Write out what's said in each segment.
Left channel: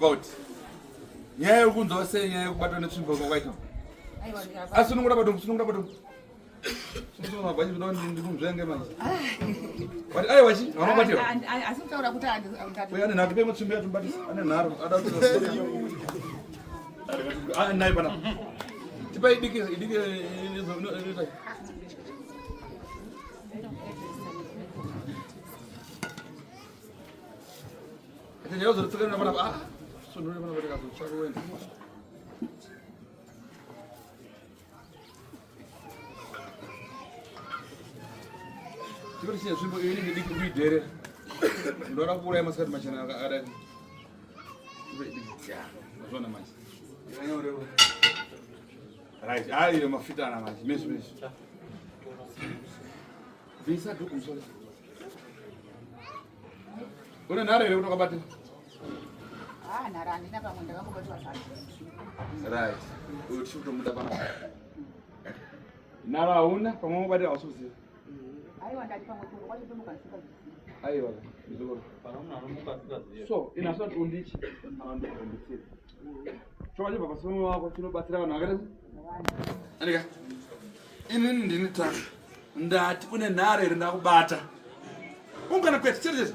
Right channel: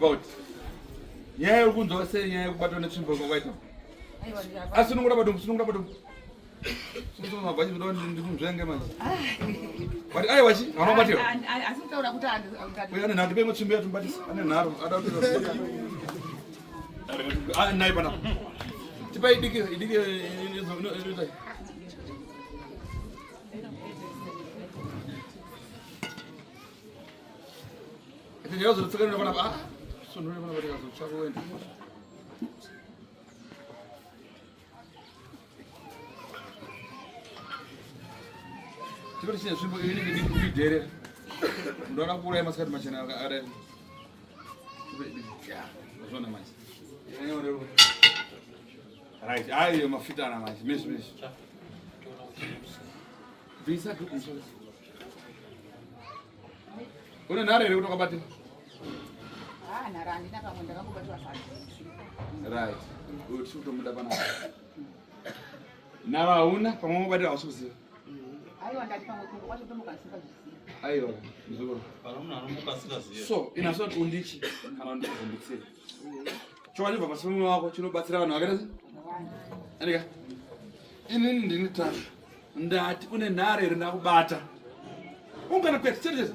about nyaya yokunzwa sei nyaya yokubatwa netsvimbo kwakwaita asunungura badum sunungura bachi ndikumzvenge manje but aiwa chi vanobatiwa asi kutaura kuti ane nhati pe mutsvimbo yatumbatisa ane nharo ada kuti nai pana tipa idike ndiyozotsikana pana sunure pana vateka zotsvakuenda tipati chine nzvimbo iyo inenge diki kuidherera ndoda kuuraya masikati machena adai mazvona manje right aiyo mafitana manje mezvi bvisa dhukumusoro une nhare here kuti wakabate nhara handina pamwe ndakangobatiwa right uyo tichikutomuda panapa nhara hauna pamwe mobate hausi kuziva aiwa ndati pamwe kungo kwacho tomuka ndisingazviziva aiwa muzokoro so inasoti undichi kana undivhunditsire choka chibva pasimumi wako chinobatsira vanhu vakaita andika inini ndini tatu ndati une nhare here ndakubata ungana kwete cheretete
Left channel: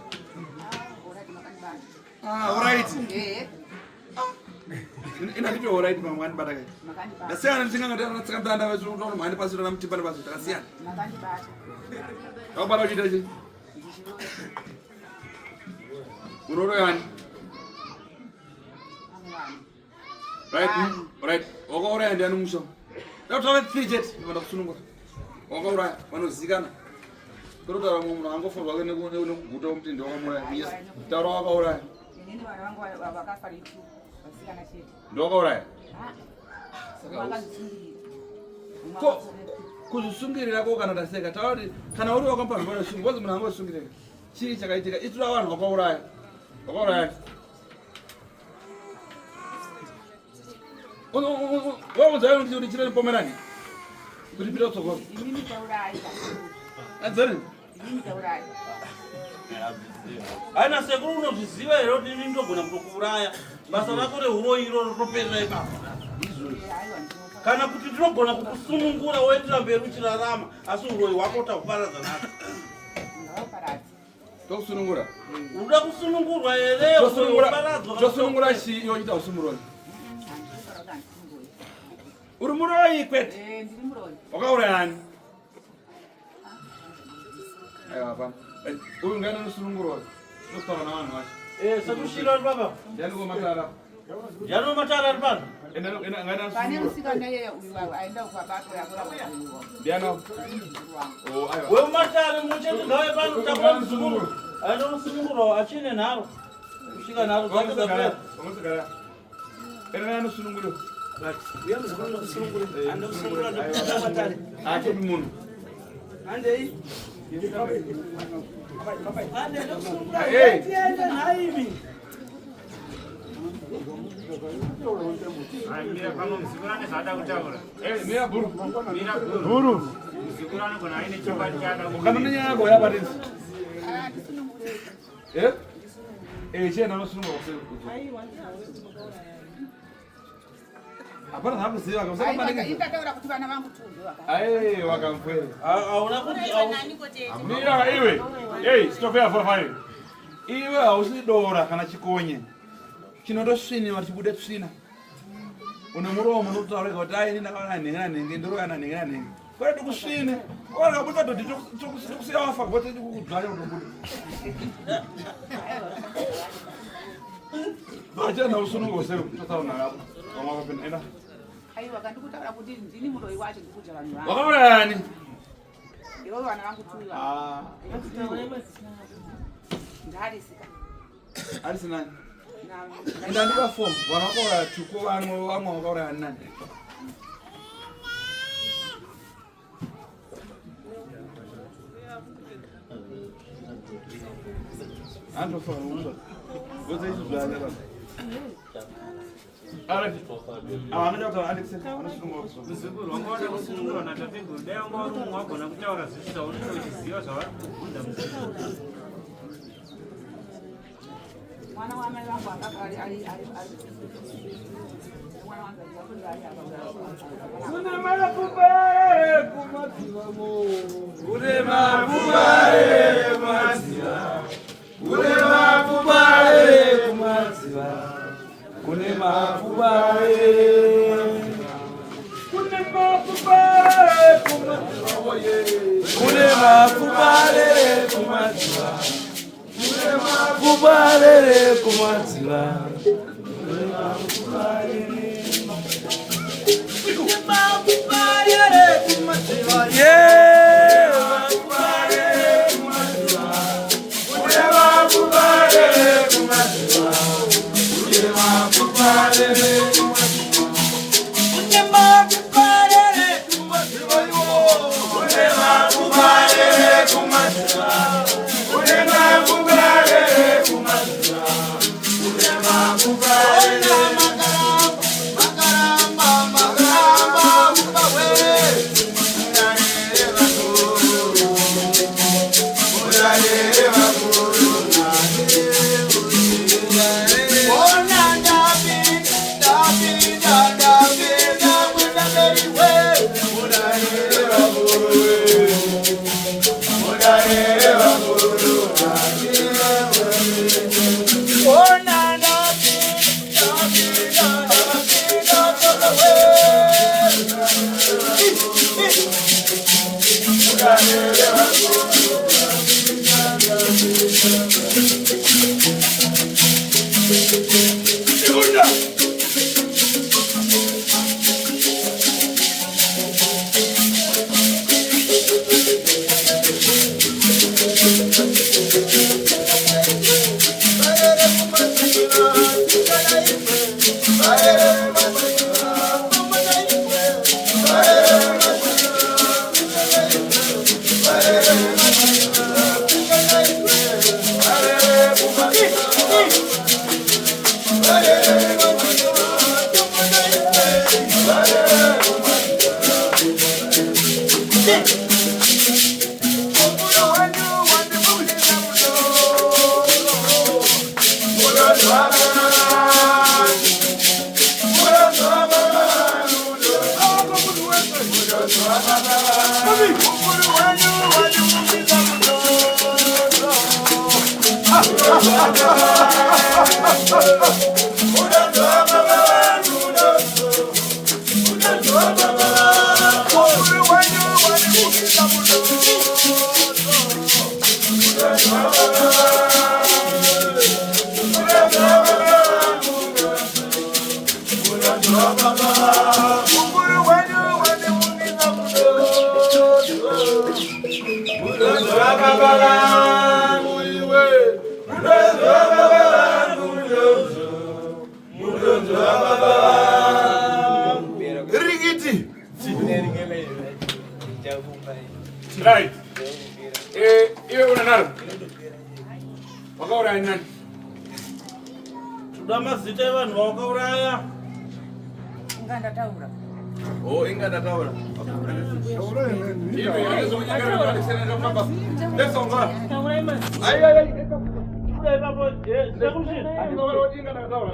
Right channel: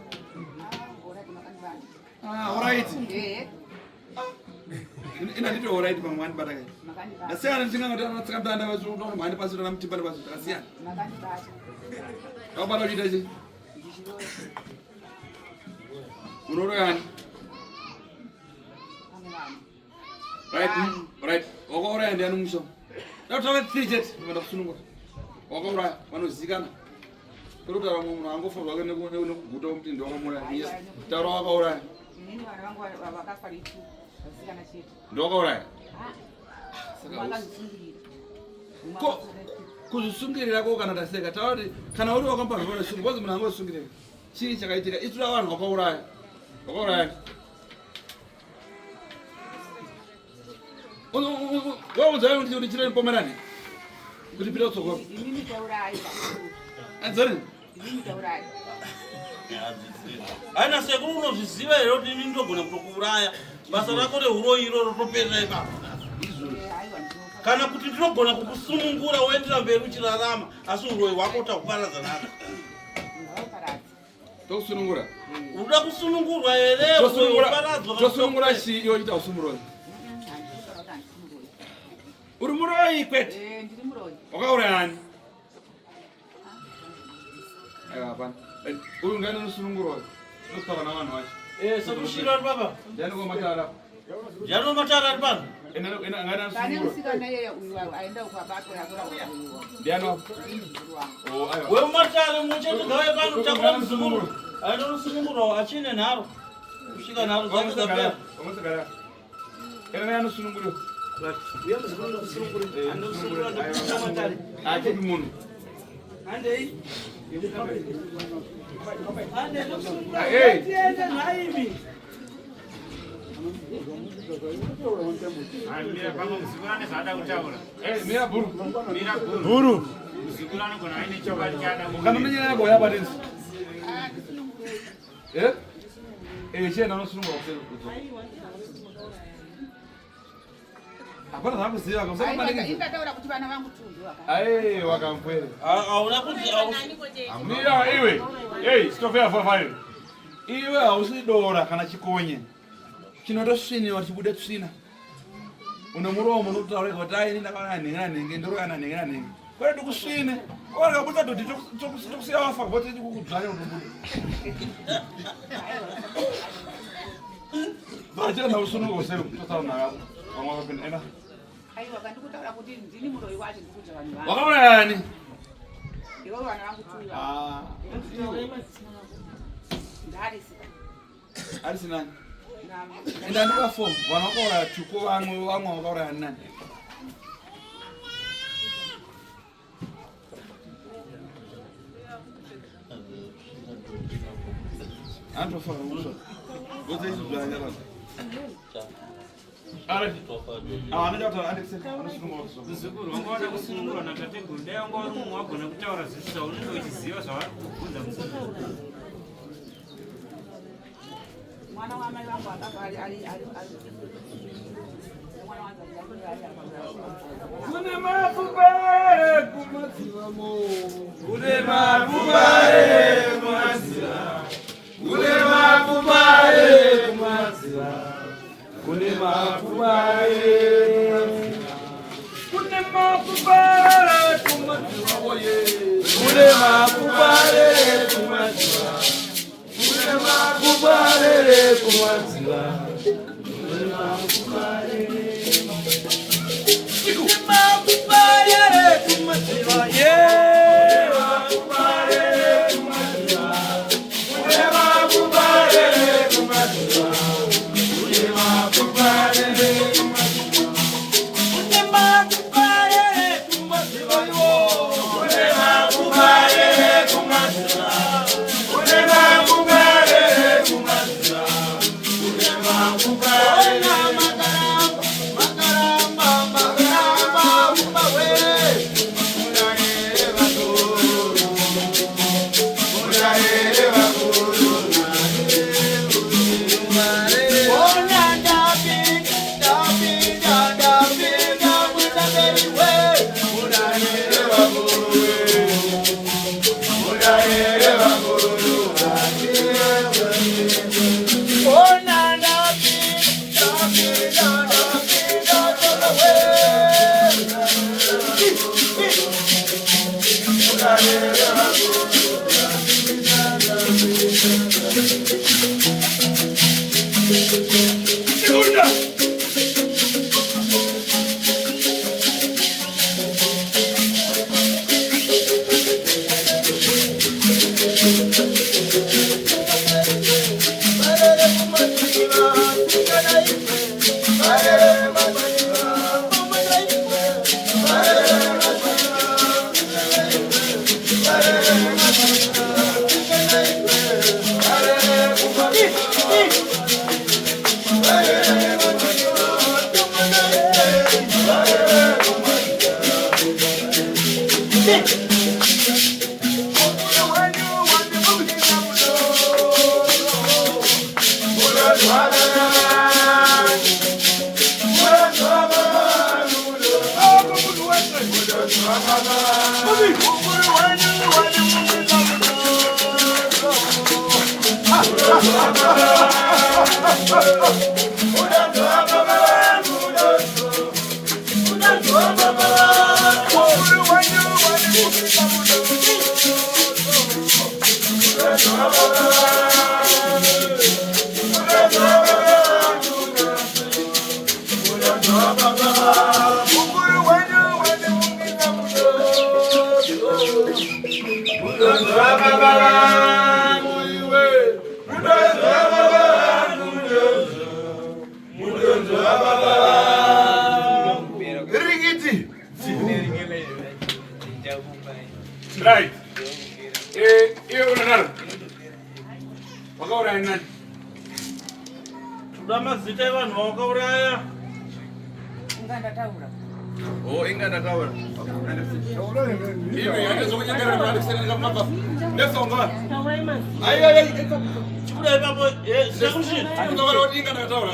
alright inanditi alright pamwe mandibata kai ndasiyana ndisingangatiatsikandanda vachiuta mhandi pasi tana mutimbane pasi takasiyana wakubata uchiita chi unoroyani right wakauraya ndiani musha dakutaura 3 jet vanda kusunungura wakauraya vanozikana kurutaura mumwe munhu angofa zvake nekuguta umutindi wakamuraya taura wakauraya ndowakauraya kuzvisungirira ko kana taseka taura kuti kana uri wakampa zvivana sungu kozi munhu angosungirira chii chakaitika itura vanhu wakauraya waudza kuti chireni pomerani kuti pita kutsogoro adzani aina sekuru unozviziva here kuti ini ndogona kutokuuraya basa rako reuro iroro rotoperera ipapo kana kuti ndinogona kukusunungura woendera mberi uchirarama asi uroi hwako utakuparadza nako tokusunungura uda kusunungurwa here tosunungura chii iwo chita usumuroi uri muroi kwete wakaurayani hapana uyu ngani nosunungurwa nosara navanhu vacho sekusvika ari baba ndianikomatara ndianomatara ari pano pane musikana iyeye uyu aenda kwabatwa yakuraiwa ndiano wematare muchete ngawe pano takura musungurwa aenda nosunungurwa achine nharo kusvika nharo dzake dzapera anosununguriwa andei buru kanonyanya yako yabatisi chienda nosunungura hapana zvakuziva ndataura kuti vana vangu ai wakamfwera hauna kuti mira iwe ei stopea 45 iwe hausi dora kana chikonye chinotosviniwa chibude tsvina une muromo unotaurika kuti aini ndakaona nhengera nhenge ndorokana nhengera nhenge kwete tikusvine wakabuta dhodhi tokusiya wafa vote tikukudzvanya unobuda vachenda usunungo sei totaura navo vamwe vapinda enda aiwa kandikutaura kuti ndini muroi wacho ndikudya vanhu vangu wakaurayani ivo vana vangu tuiva ndarisika arisinani ndandika fom vanhu vakauraya tuko vamwe vakaurayani nani andofanira kusva vose izvi zvaanyarana muzukuru wanga wada kusunungurwa natateguru dai wanga uri umwe wagona kutaura zvisvo zvaunenge uchiziva zvavabvunza muzukuru Mwana wa mama wangu akaka ali mwana wangu Kuna mafupa kumaziwa mo. Kuna mafupa kumaziwa. Kuna mafupa kumaziwa. Kuna mafupa Kuna mafupa kumaziwa oye. Kuna mafupa kumaziwa. Kuna mafupa kumaziwa. Right. Unanalo. Wakaura nani? Tudamazita vanhu vakauraya. Inganda taura. Oh, inganda taura. Hivi zokunyangana ndo alisema kama baba. Ndio unga. Ai. Kule babo, sekushi. Utaona inganda taura.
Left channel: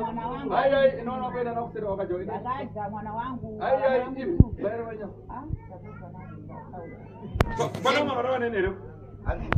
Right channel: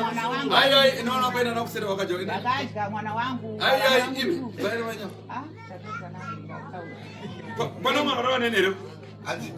Mwana wangu. Ai, naona kwenda na kusema wakaja. Bagaji mwana wangu. Ai, hivi. Bale wenyewe. Ah, tatizo nani taura. Kwa nini mwana nini leo? Anzi